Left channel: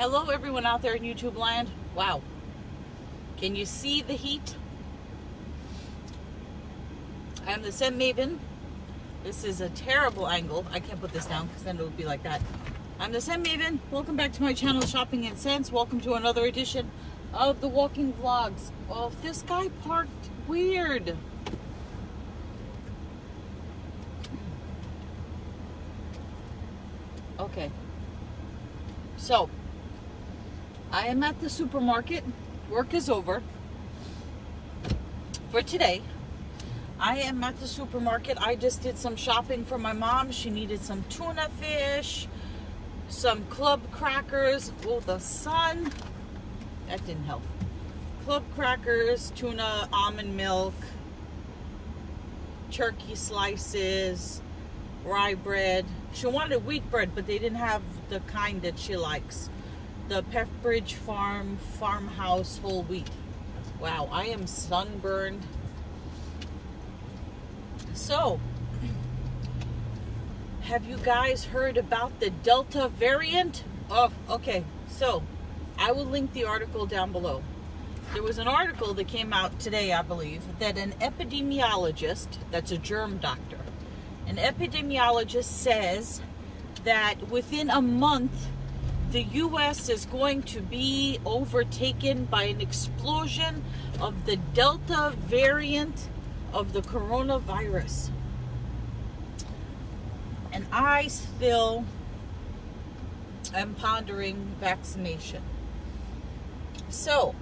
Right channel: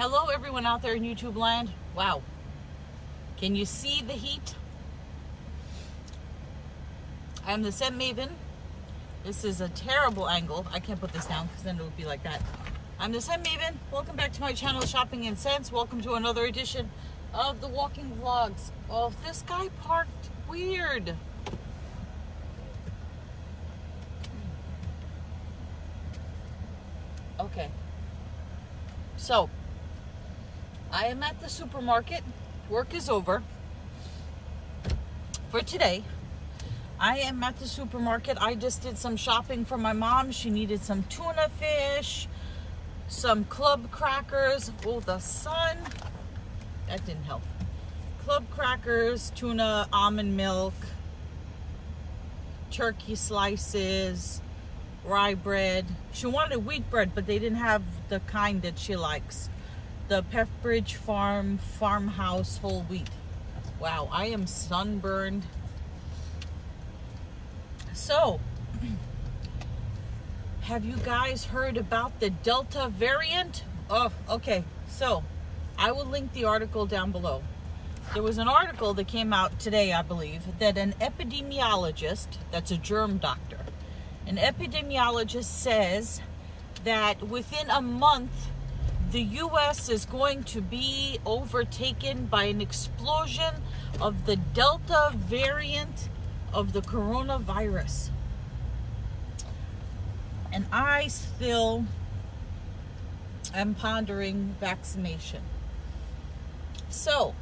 Hello everyone out there in YouTube land. Wow. Can you see the heat? I am the Scent Maven. This is a terrible angle. I can't put this down because then it would be like that. I'm the Scent Maven. Welcome back to my channel, Shopping and Scents. Welcome to another edition of the walking vlogs. Oh, this guy parked weird. Okay. So, I am at the supermarket. Work is over for today. I am at the supermarket. I just did some shopping for my mom. She needed some tuna fish, some club crackers. Oh, the sun. That didn't help. Club crackers, tuna, almond milk, turkey slices, rye bread. She wanted wheat bread, but they didn't have the kind that she likes. The Pepperidge Farmhouse whole wheat. Wow, I am sunburned. So, have you guys heard about the Delta variant? Oh, okay. So, I will link the article down below. There was an article that came out today, I believe, that an epidemiologist, that's a germ doctor, an epidemiologist says that within a month, the U.S. is going to be overtaken by an explosion of the Delta variant of the coronavirus. And I still am pondering vaccination. So,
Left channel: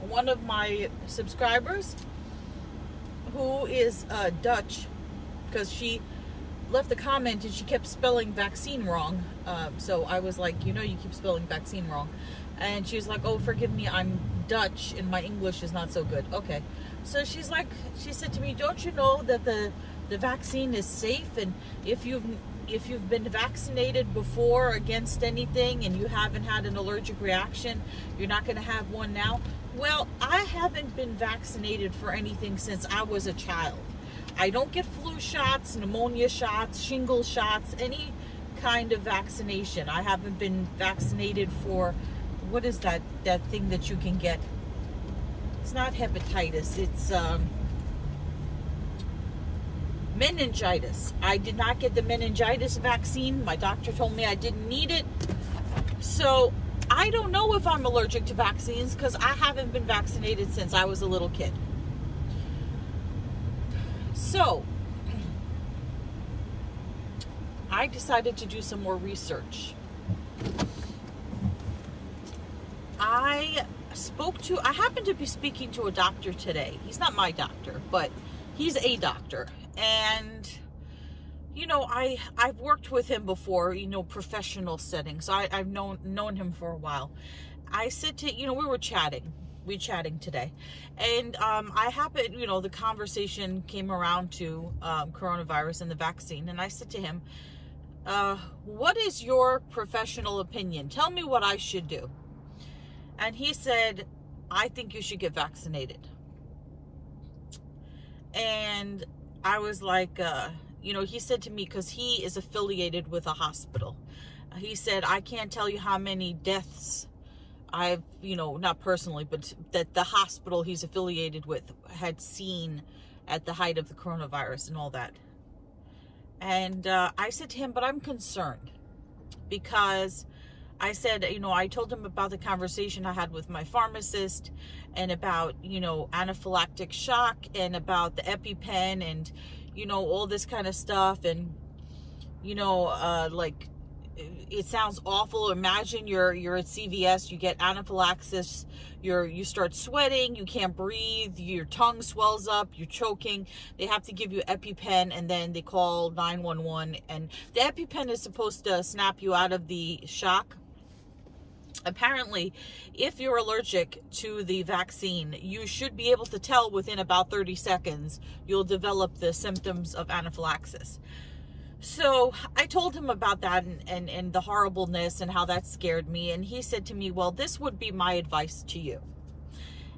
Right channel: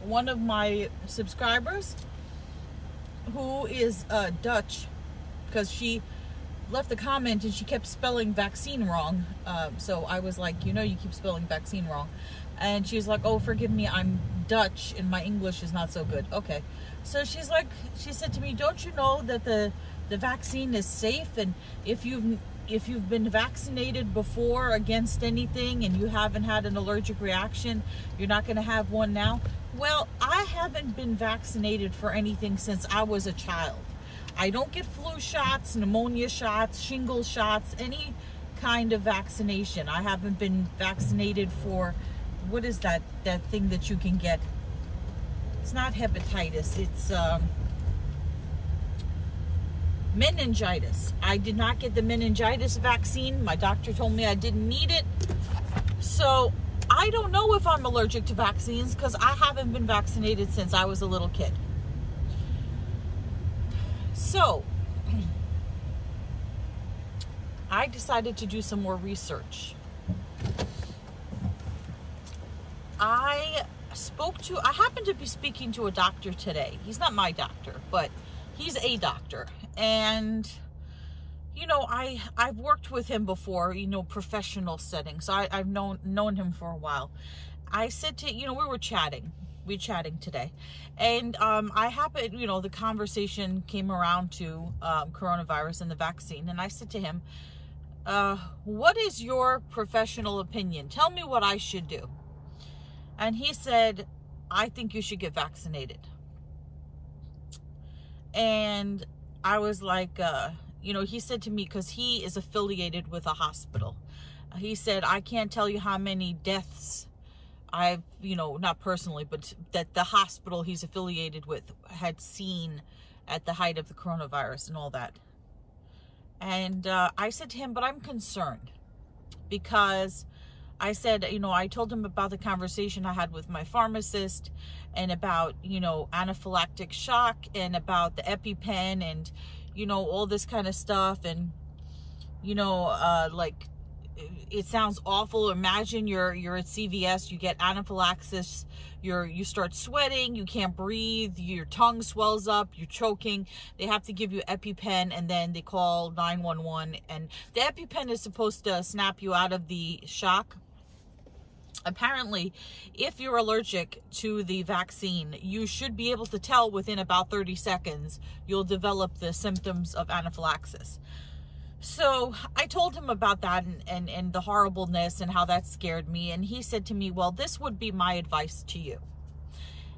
one of my subscribers, who is Dutch, because she left a comment and she kept spelling vaccine wrong. So I was like, you know, you keep spelling vaccine wrong. And she was like, oh, forgive me, I'm Dutch and my English is not so good. Okay. So she's like, she said to me, don't you know that the vaccine is safe? And if you've been vaccinated before against anything and you haven't had an allergic reaction, you're not going to have one now. Well, I haven't been vaccinated for anything since I was a child. I don't get flu shots, pneumonia shots, shingle shots, any kind of vaccination. I haven't been vaccinated for, what is that thing that you can get? It's not hepatitis, it's meningitis. I did not get the meningitis vaccine. My doctor told me I didn't need it. So I don't know if I'm allergic to vaccines because I haven't been vaccinated since I was a little kid. So, I decided to do some more research. I happened to be speaking to a doctor today. He's not my doctor, but he's a doctor. And, you know, I've worked with him before, you know, professional settings. I've known him for a while. I said to, you know, we were chatting today, and I happened, you know, the conversation came around to coronavirus and the vaccine, and I said to him, what is your professional opinion? Tell me what I should do. And he said, I think you should get vaccinated. And I was like, you know, he said to me, because he is affiliated with a hospital, he said, I can't tell you how many deaths I've, you know, not personally, but that the hospital he's affiliated with had seen at the height of the coronavirus and all that. And I said to him, but I'm concerned, because I said, you know, I told him about the conversation I had with my pharmacist and about, you know, anaphylactic shock and about the EpiPen and, you know, all this kind of stuff. And, you know, like, it sounds awful. Imagine you're at CVS, you get anaphylaxis, you start sweating, you can't breathe, your tongue swells up, you're choking. They have to give you EpiPen, and then they call 911. And the EpiPen is supposed to snap you out of the shock. Apparently, if you're allergic to the vaccine, you should be able to tell within about 30 seconds you'll develop the symptoms of anaphylaxis. So I told him about that and the horribleness and how that scared me. And he said to me, well, this would be my advice to you.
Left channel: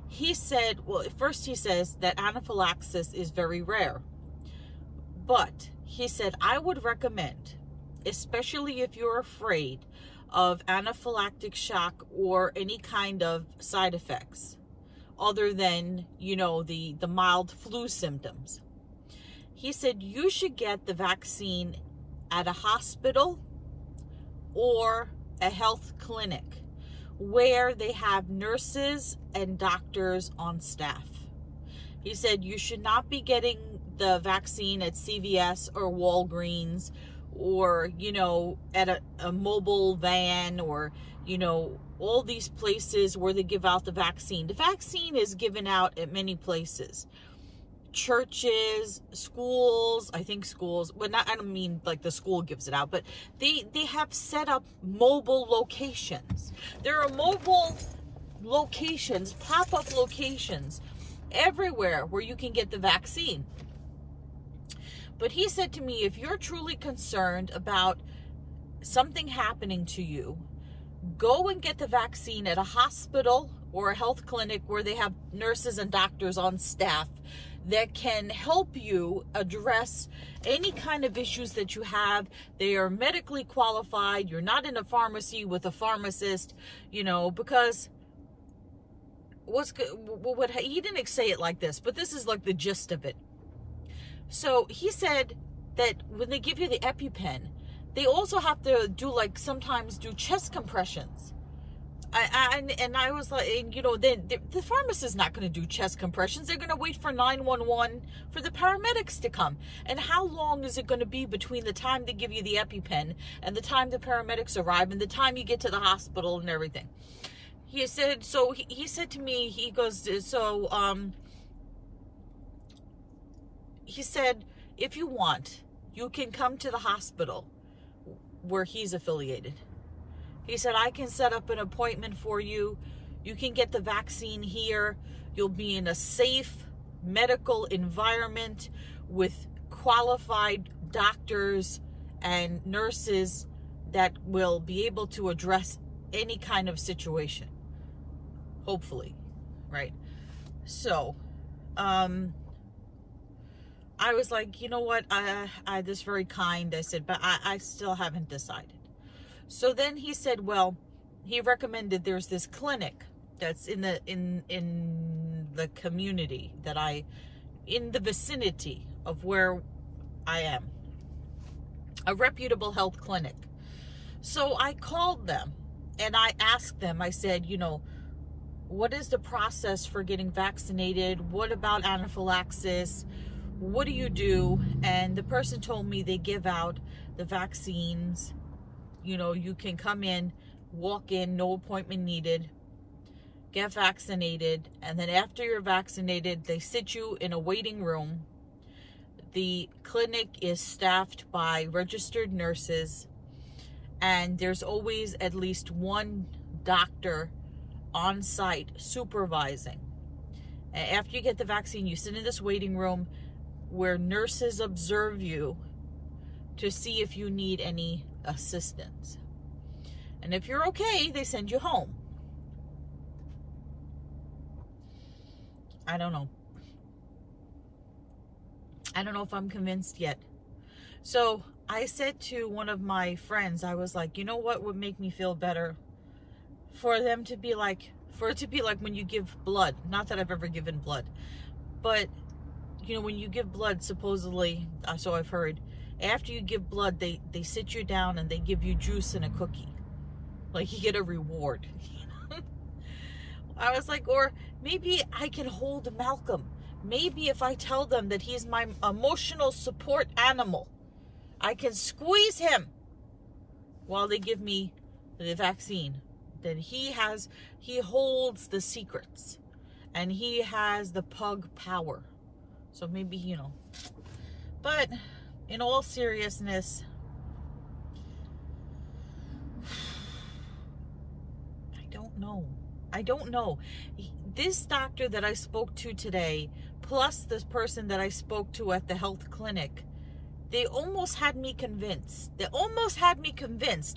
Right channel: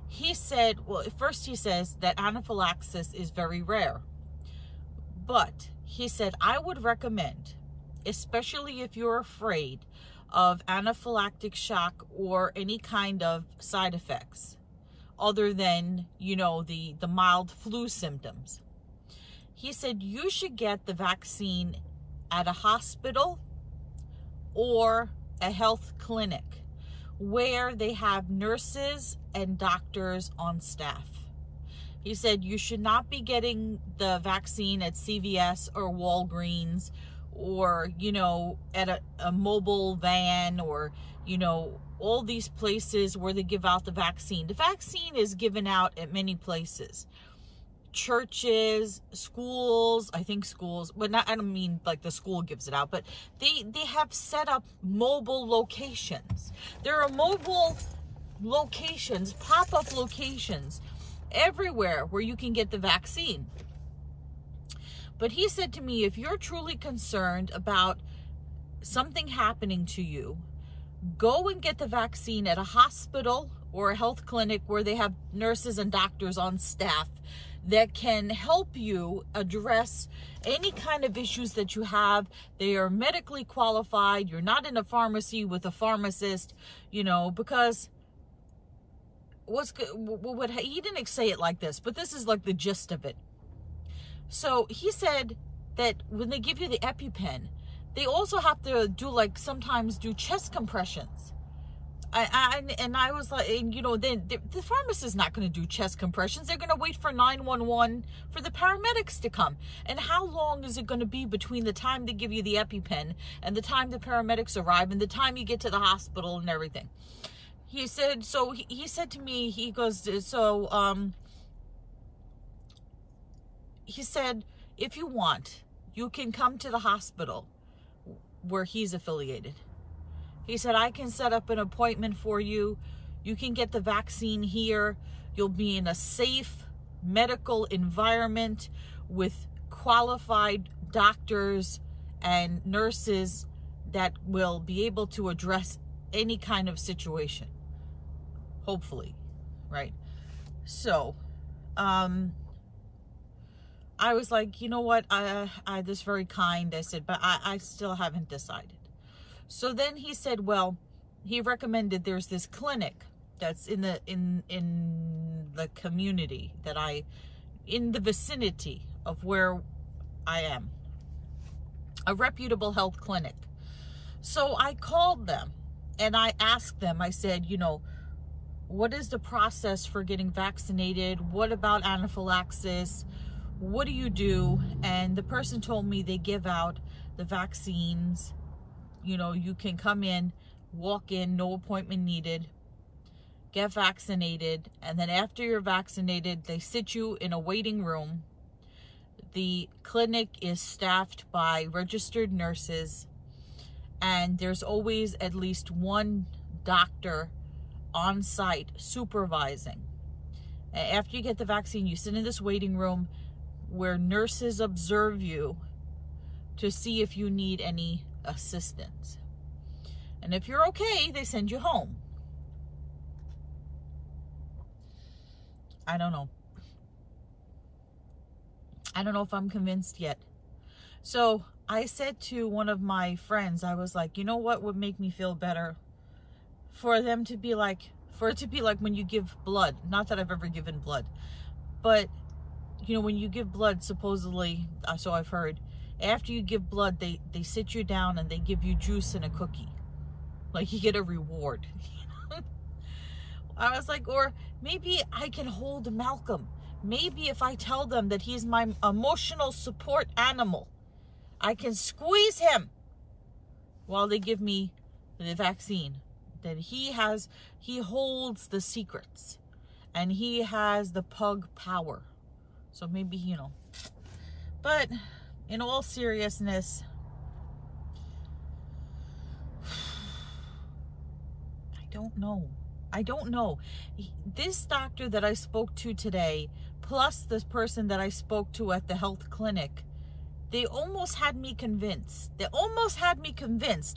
He said, well, first he says that anaphylaxis is very rare. But he said, I would recommend, especially if you're afraid of anaphylactic shock or any kind of side effects other than, you know, the mild flu symptoms. He said you should get the vaccine at a hospital or a health clinic where they have nurses and doctors on staff. He said you should not be getting the vaccine at CVS or Walgreens or, you know, at a mobile van or, you know, all these places where they give out the vaccine. The vaccine is given out at many places. Churches, schools, I think schools, but not, I don't mean like the school gives it out, but they have set up mobile locations. There are mobile locations, pop-up locations everywhere where you can get the vaccine. But he said to me, if you're truly concerned about something happening to you, go and get the vaccine at a hospital or a health clinic where they have nurses and doctors on staff that can help you address any kind of issues that you have. They are medically qualified. You're not in a pharmacy with a pharmacist, you know, because he didn't say it like this, but this is like the gist of it. So he said that when they give you the EpiPen, they also have to do, like, sometimes do chest compressions. And I was like, you know, the pharmacist is not going to do chest compressions. They're going to wait for 911 for the paramedics to come. And how long is it going to be between the time they give you the EpiPen and the time the paramedics arrive and the time you get to the hospital and everything? He said, so he said to me, he goes, so, he said, if you want, you can come to the hospital where he's affiliated. He said, I can set up an appointment for you. You can get the vaccine here. You'll be in a safe medical environment with qualified doctors and nurses that will be able to address any kind of situation. Hopefully, right? So, I was like, you know what? This is very kind. I said, but I still haven't decided. So then he said, well, he recommended there's this clinic that's in the community that in the vicinity of where I am, a reputable health clinic. So I called them and I asked them, I said, you know, what is the process for getting vaccinated? What about anaphylaxis? What do you do? And the person told me they give out the vaccines. You know, you can come in, walk in, no appointment needed, get vaccinated, and then after you're vaccinated, they sit you in a waiting room. The clinic is staffed by registered nurses, and there's always at least one doctor on site supervising. And after you get the vaccine, you sit in this waiting room where nurses observe you to see if you need any assistance. And if you're okay, they send you home. I don't know. I don't know if I'm convinced yet. So I said to one of my friends, I was like, you know what would make me feel better? For it to be like when you give blood. Not that I've ever given blood, but you know, when you give blood, supposedly, so I've heard, after you give blood, they sit you down and they give you juice and a cookie. Like you get a reward. I was like, or maybe I can hold Malcolm. Maybe if I tell them that he's my emotional support animal, I can squeeze him while they give me the vaccine. That he holds the secrets and he has the pug power. So maybe, you know, but in all seriousness, I don't know. This doctor that I spoke to today, plus this person that I spoke to at the health clinic, they almost had me convinced.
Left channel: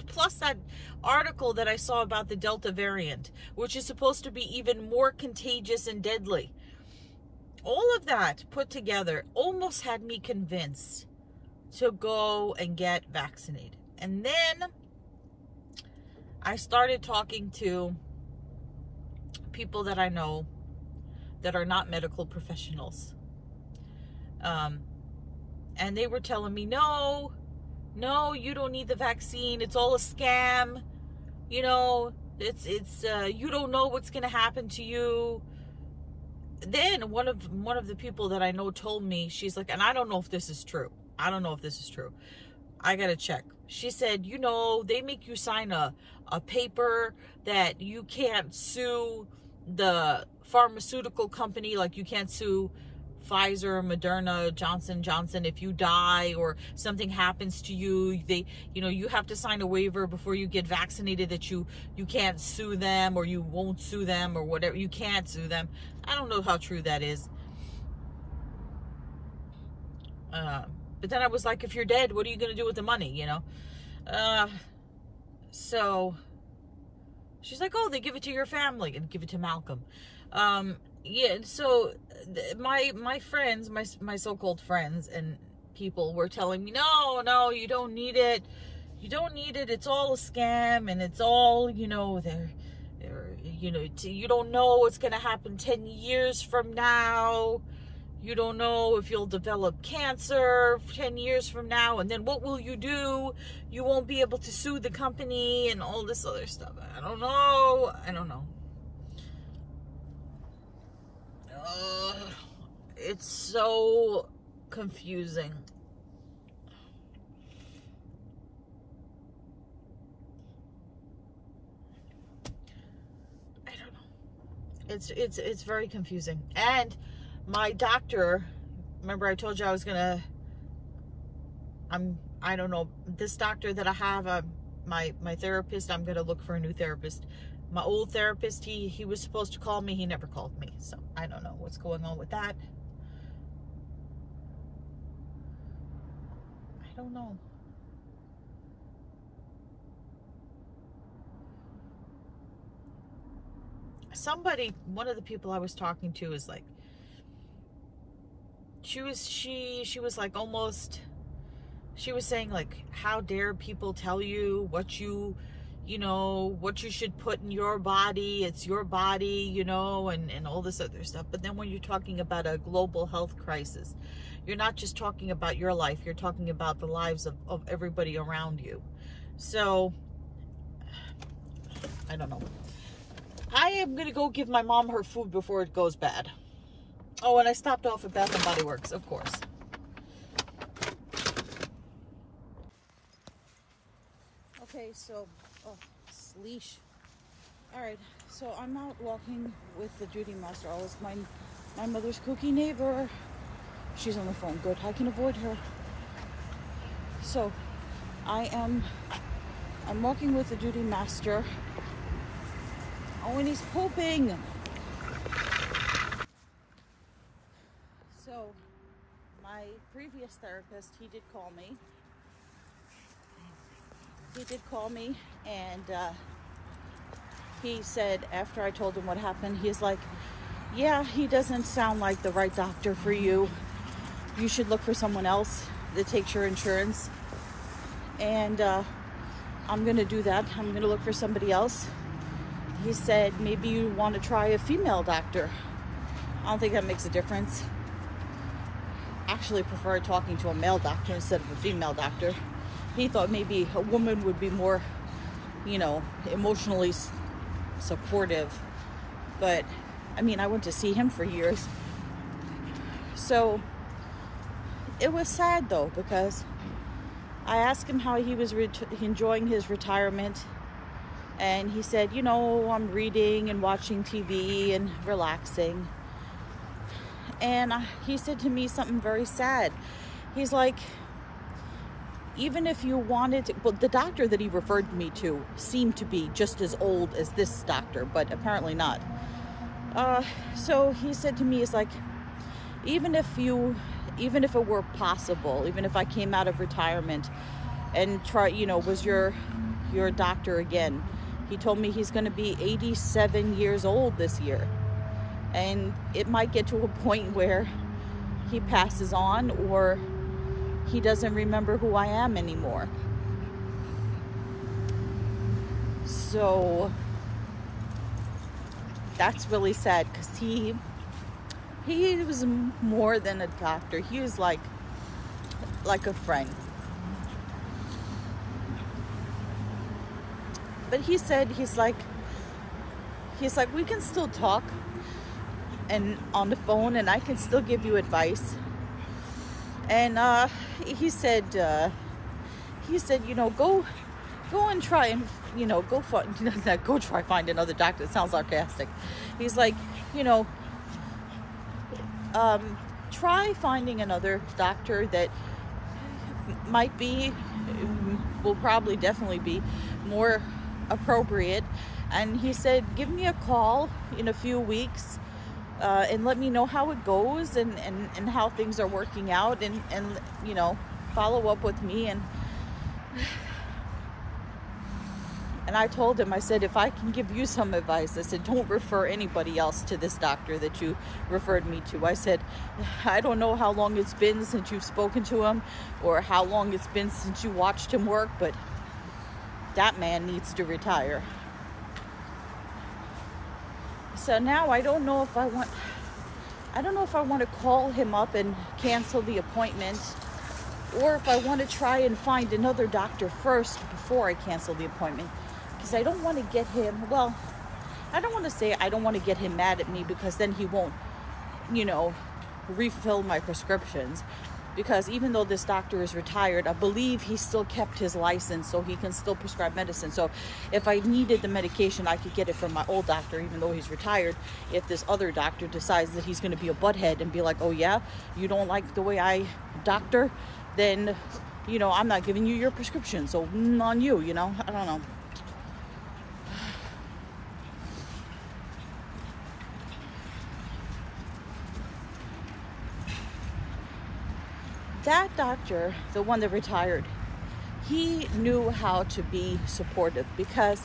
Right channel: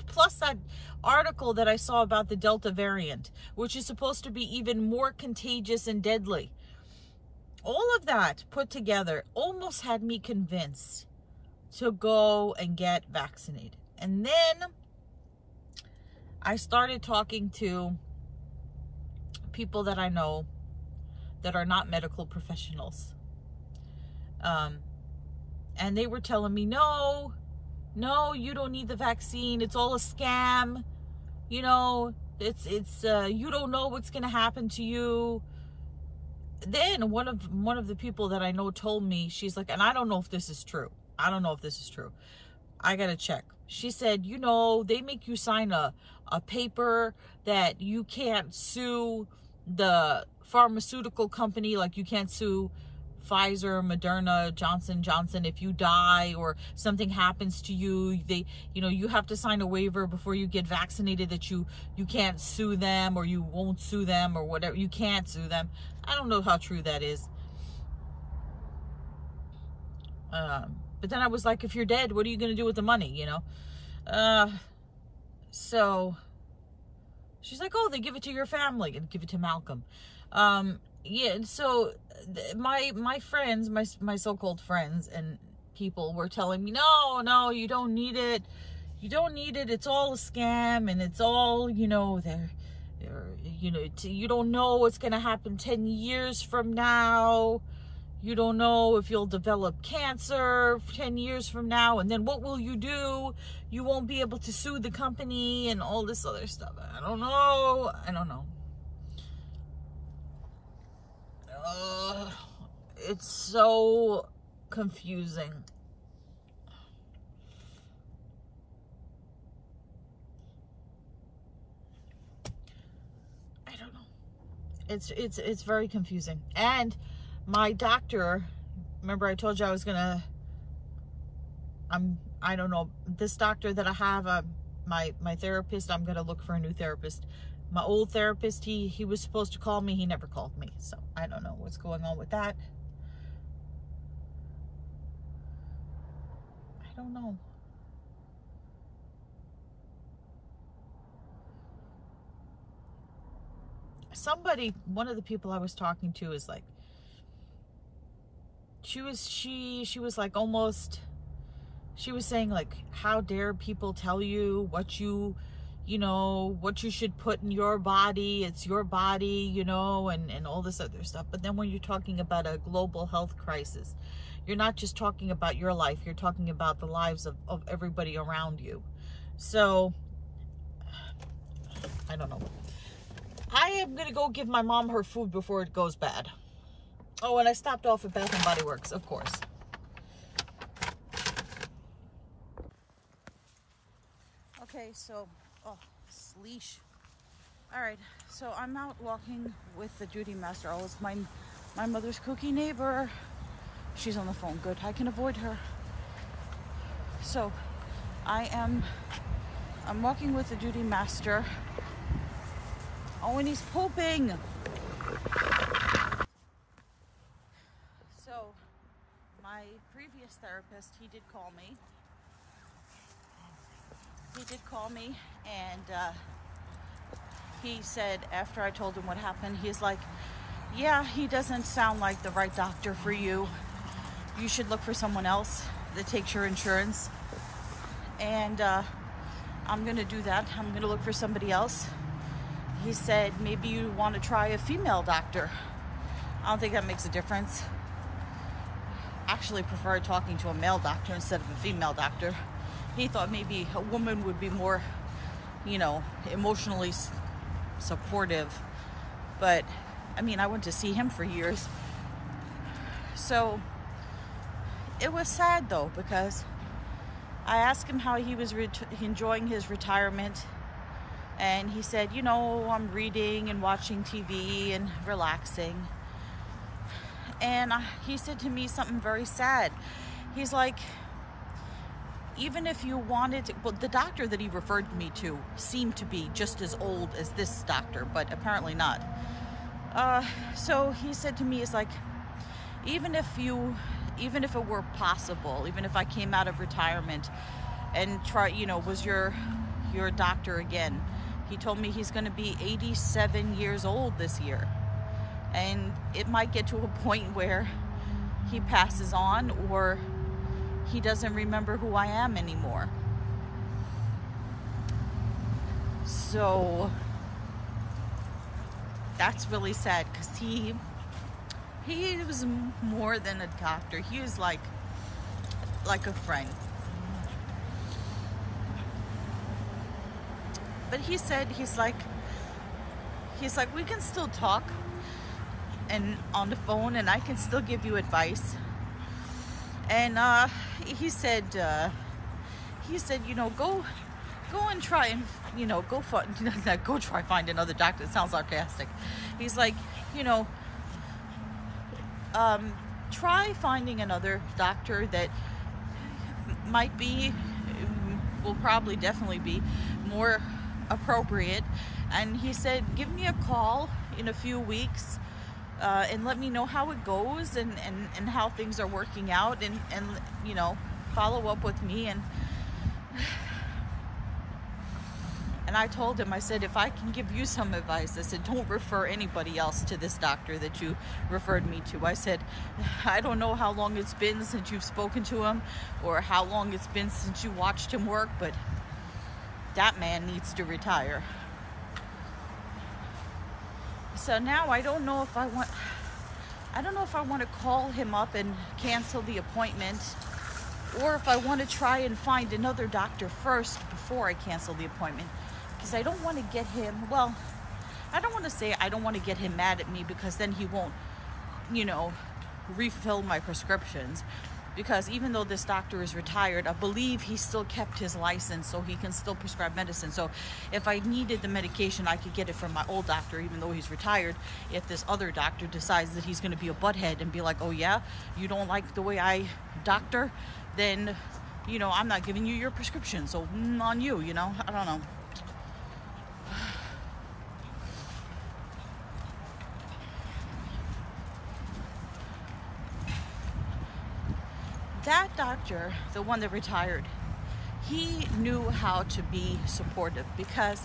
Plus that article that I saw about the Delta variant, which is supposed to be even more contagious and deadly. All of that put together almost had me convinced to go and get vaccinated. And then I started talking to people that I know that are not medical professionals. And they were telling me, no, you don't need the vaccine. It's all a scam. You know, you don't know what's going to happen to you. Then one of the people that I know told me, she's like, and I don't know if this is true. I don't know if this is true. I got to check. She said, you know, they make you sign a paper that you can't sue the pharmaceutical company. Like, you can't sue Pfizer, Moderna, Johnson & Johnson if you die or something happens to you. You have to sign a waiver before you get vaccinated that you can't sue them, or you won't sue them, or whatever. You can't sue them. I don't know how true that is. But then I was like, if you're dead, what are you going to do with the money, you know? So she's like, oh, they give it to your family, and give it to Malcolm. Yeah, so my friends, my so-called friends and people were telling me, no, you don't need it. You don't need it. It's all a scam, and it's all, you know, you don't know what's going to happen 10 years from now. You don't know if you'll develop cancer 10 years from now, and then what will you do? You won't be able to sue the company and all this other stuff. I don't know. It's so confusing. I don't know. It's very confusing. And my doctor, remember I told you I was gonna, I don't know, this doctor that I have, my therapist, I'm gonna look for a new therapist. My old therapist, he was supposed to call me. He never called me. So I don't know what's going on with that. I don't know. Somebody, one of the people I was talking to is like, she was like almost, she was saying like, how dare people tell you what you should put in your body. It's your body, you know, and all this other stuff. But then when you're talking about a global health crisis, you're not just talking about your life, you're talking about the lives of everybody around you. So, I don't know. I am going to go give my mom her food before it goes bad. Oh, and I stopped off at Bath & Body Works, of course. Okay, so, oh, leash. All right, so I'm out walking with the Judy Master. Oh, it's my mother's cookie neighbor. She's on the phone. Good, I can avoid her. So, I'm walking with the Judy Master. Oh, and he's pooping. So, my previous therapist, he did call me. And he said, after I told him what happened, he's like, yeah, he doesn't sound like the right doctor for you. You should look for someone else that takes your insurance. And I'm gonna do that. I'm gonna look for somebody else. He said, maybe you want to try a female doctor. I don't think that makes a difference. Actually prefer talking to a male doctor instead of a female doctor. He thought maybe a woman would be more, you know, emotionally supportive. But, I mean, I went to see him for years. So, it was sad, though, because I asked him how he was enjoying his retirement. And he said, you know, I'm reading and watching TV and relaxing. And he said to me something very sad. He's like, even if you wanted to, well, the doctor that he referred me to seemed to be just as old as this doctor, but apparently not. So he said to me, it's like, even if it were possible, even if I came out of retirement and was your doctor again, he told me he's going to be 87 years old this year. And it might get to a point where he passes on, or he doesn't remember who I am anymore. So that's really sad, because he was more than a doctor. He was like a friend. But he said, he's like, we can still talk and on the phone, and I can still give you advice. And he said, you know, go and try and, you know, go try find another doctor. It sounds sarcastic. He's like, you know, try finding another doctor that will probably definitely be more appropriate. And he said, give me a call in a few weeks and let me know how it goes and how things are working out, and you know, follow up with me. And I told him, I said, if I can give you some advice, I said, don't refer anybody else to this doctor that you referred me to. I said, I don't know how long it's been since you've spoken to him, or how long it's been since you watched him work, but that man needs to retire. So now I don't know if I want to call him up and cancel the appointment, or if I want to try and find another doctor first before I cancel the appointment. Because I don't want to get him, well, I don't want to say I don't want to get him mad at me, because then he won't, you know, refill my prescriptions. Because even though this doctor is retired, I believe he still kept his license, so he can still prescribe medicine. So if I needed the medication, I could get it from my old doctor, even though he's retired. If this other doctor decides that he's going to be a butthead and be like, oh yeah, you don't like the way I doctor, then, you know, I'm not giving you your prescription. So on you, you know, I don't know. That doctor, the one that retired, he knew how to be supportive, because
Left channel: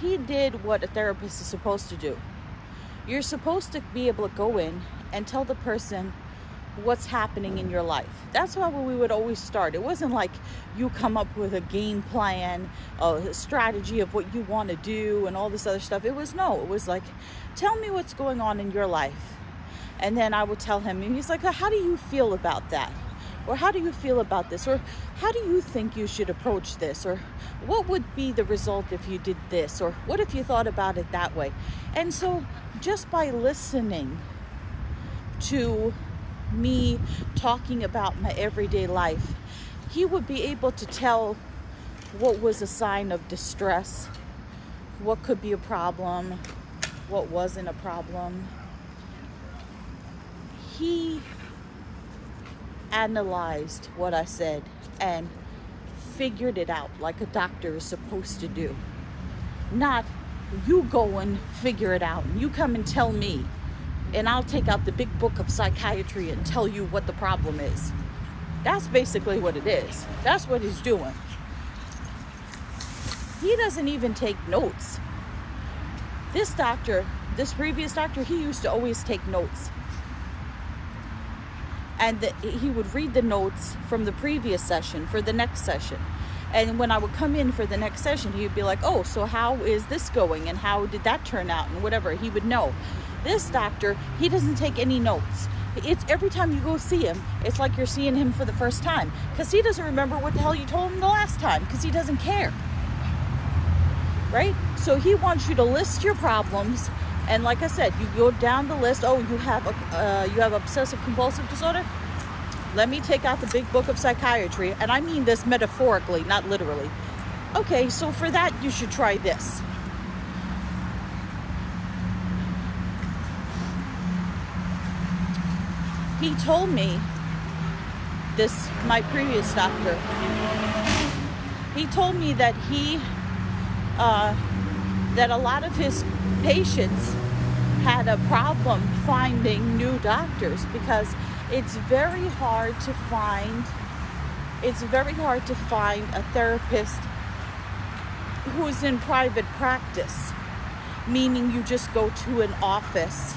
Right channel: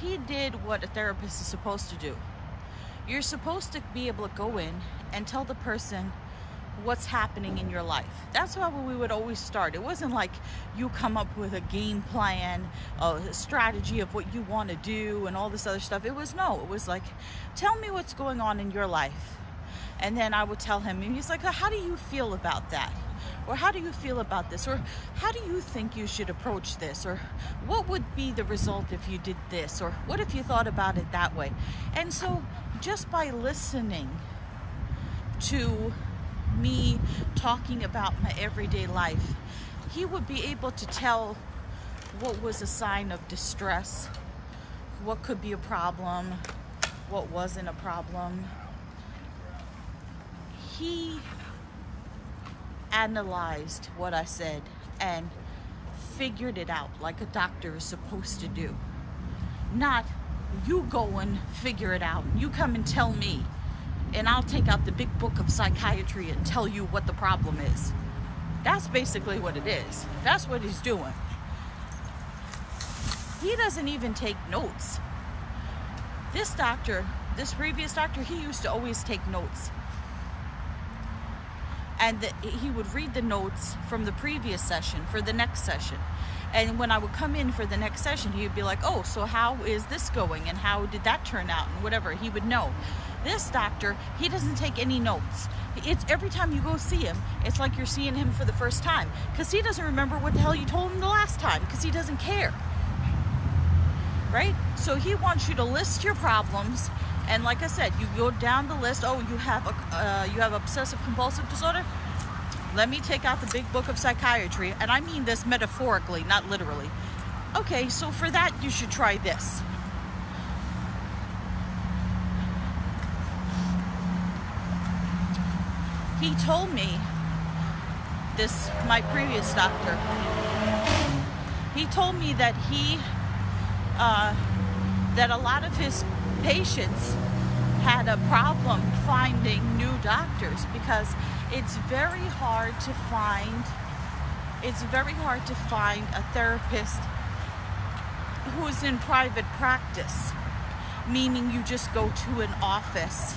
he did what a therapist is supposed to do. You're supposed to be able to go in and tell the person what's happening in your life. That's how we would always start. It wasn't like you come up with a game plan, a strategy of what you want to do and all this other stuff. It was like, tell me what's going on in your life. And then I would tell him, and he's like, how do you feel about that? Or how do you feel about this? Or how do you think you should approach this? Or what would be the result if you did this? Or what if you thought about it that way? And so just by listening to me talking about my everyday life, he would be able to tell what was a sign of distress, what could be a problem, what wasn't a problem. He analyzed what I said and figured it out like a doctor is supposed to do. Not, you go and figure it out, and you come and tell me, and I'll take out the big book of psychiatry and tell you what the problem is. That's basically what it is. That's what he's doing. He doesn't even take notes. This doctor, this previous doctor, he used to always take notes. And he would read the notes from the previous session for the next session. And when I would come in for the next session, he would be like, oh, so how is this going? And how did that turn out? And whatever, he would know. This doctor, he doesn't take any notes. It's every time you go see him, it's like you're seeing him for the first time. Because he doesn't remember what the hell you told him the last time. Because he doesn't care. Right? So he wants you to list your problems. And like I said, you go down the list. Oh, you have obsessive compulsive disorder? Let me take out the big book of psychiatry. And I mean this metaphorically, not literally. Okay, so for that, you should try this. He told me, my previous doctor, he told me that that a lot of his patients had a problem finding new doctors, because it's very hard to find a therapist who's in private practice, meaning you just go to an office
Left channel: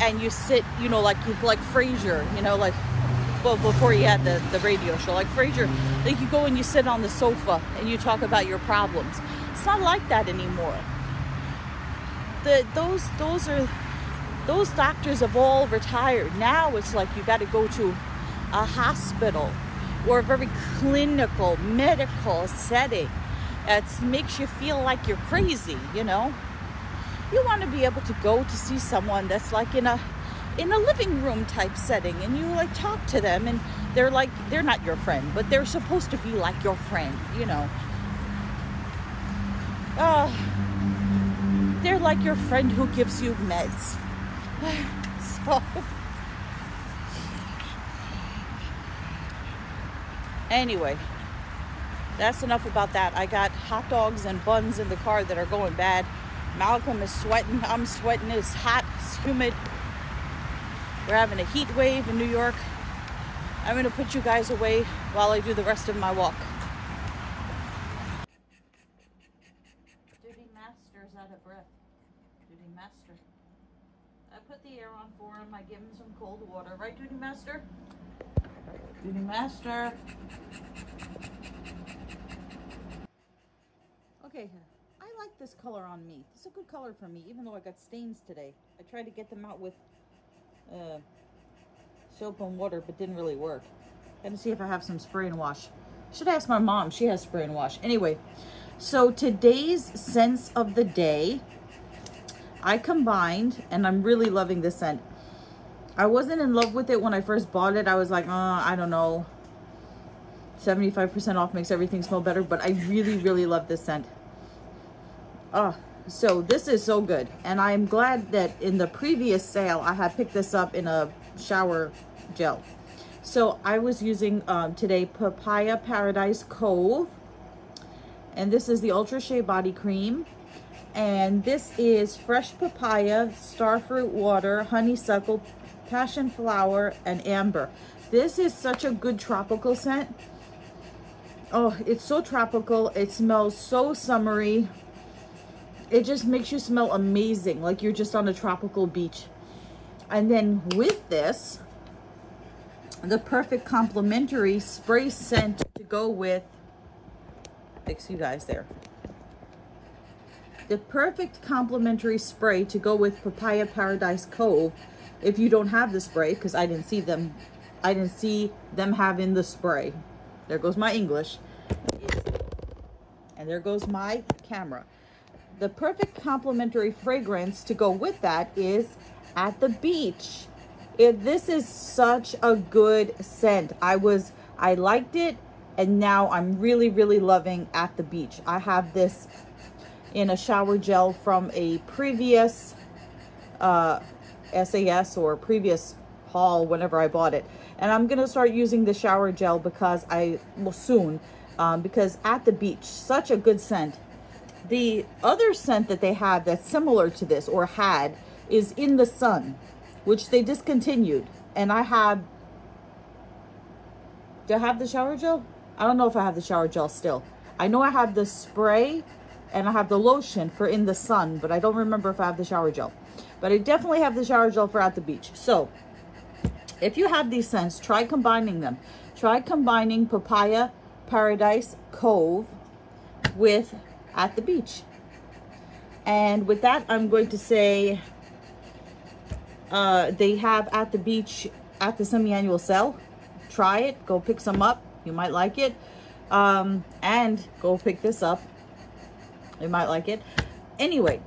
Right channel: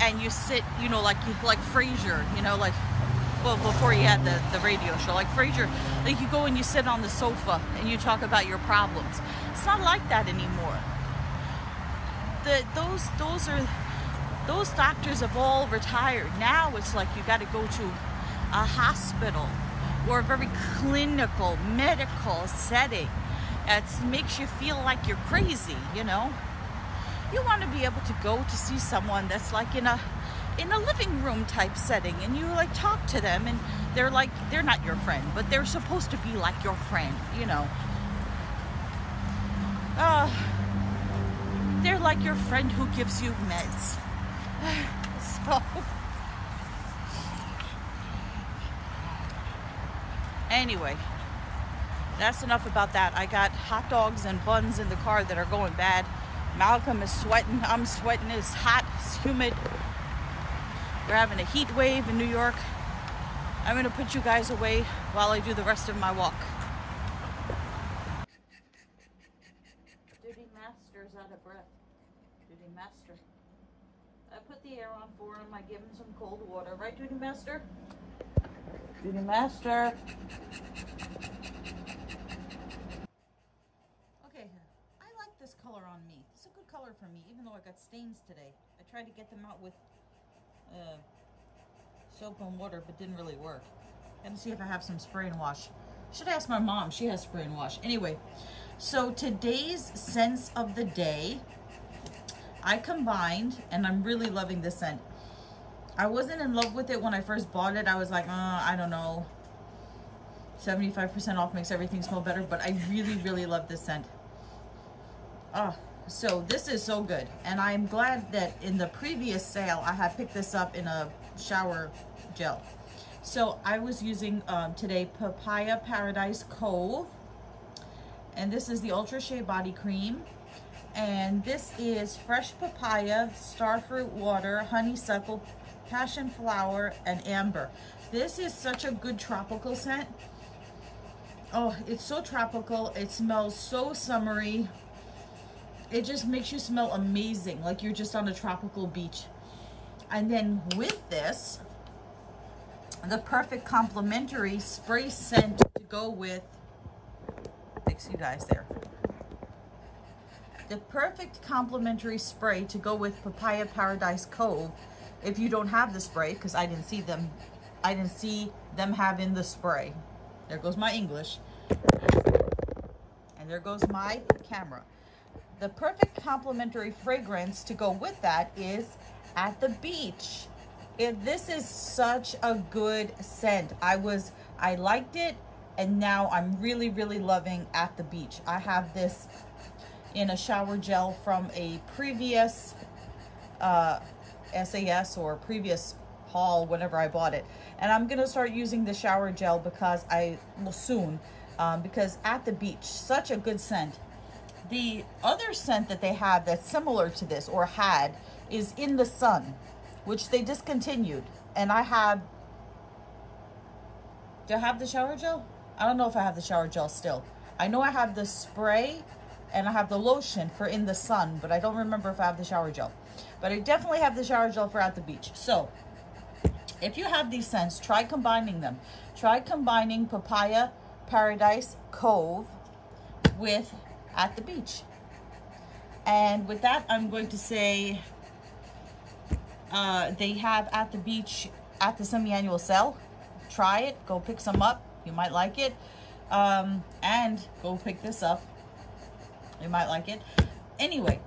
and you sit, you know, like Frasier, you know, like, well, before he had the radio show, like Frasier, like you go and you sit on the sofa and you talk about your problems. not like that anymore. Those doctors have all retired. Now it's like you got to go to a hospital or a very clinical medical setting. It makes you feel like you're crazy, you know. You want to be able to go to see someone that's like in a living room type setting, and you like talk to them, and they're not your friend, but they're supposed to be like your friend, you know. They're like your friend who gives you meds. So anyway, that's enough about that. I got hot dogs and buns in the car that are going bad. Malcolm is sweating. I'm sweating. It's hot. It's humid. We're having a heat wave in New York. I'm going to put you guys away while I do the rest of my walk. Duty Master's out of breath. Duty Master. I put the air on for him. I give him some cold water. Right, Duty Master? Duty Master. Okay, I like this color on me. It's a good color for me, even though I got stains today. I tried to get them out with soap and water, but didn't really work. Gotta see if I have some spray and wash. Should ask my mom. She has spray and wash. Anyway, so today's scents of the day, I combined, and I'm really loving this scent. I wasn't in love with it when I first bought it. I was like, I don't know. 75% off makes everything smell better, but I really, really love this scent. So this is so good, and I'm glad that in the previous sale I had picked this up in a shower gel. So I was using today Papaya Paradise Cove, and this is the Ultra Shea Body Cream, and this is fresh papaya, starfruit water, honeysuckle, passion flower, and amber. This is such a good tropical scent. Oh, it's so tropical. It smells so summery. It just makes you smell amazing, like you're just on a tropical beach. And then with this, the perfect complementary spray scent to go with, fix you guys there. The perfect complementary spray to go with Papaya Paradise Cove, if you don't have the spray, because I didn't see them having the spray. There goes my English. And there goes my camera. The perfect complementary fragrance to go with that is At the Beach. This is such a good scent. I liked it, and now I'm really, really loving At the Beach. I have this in a shower gel from a previous SAS or previous haul whenever I bought it. And I'm going to start using the shower gel because because At the Beach, such a good scent. The other scent that they have that's similar to this, or had, is In the Sun, which they discontinued. And do I have the shower gel? I don't know if I have the shower gel still. I know I have the spray and I have the lotion for In the Sun, but I don't remember if I have the shower gel. But I definitely have the shower gel for At the Beach. So if you have these scents, try combining them. Try combining Papaya Paradise Cove with At the Beach. And with that, I'm going to say they have At the Beach at the semi-annual sale. Try it. Go pick some up. You might like it. And go pick this up. You might like it. Anyway,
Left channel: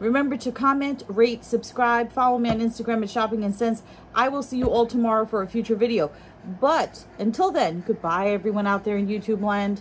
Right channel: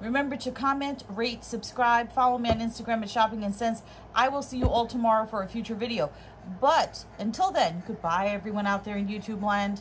remember to comment, rate, subscribe, follow me on Instagram at Shopping and Scents. I will see you all tomorrow for a future video. But until then, goodbye everyone out there in YouTube land.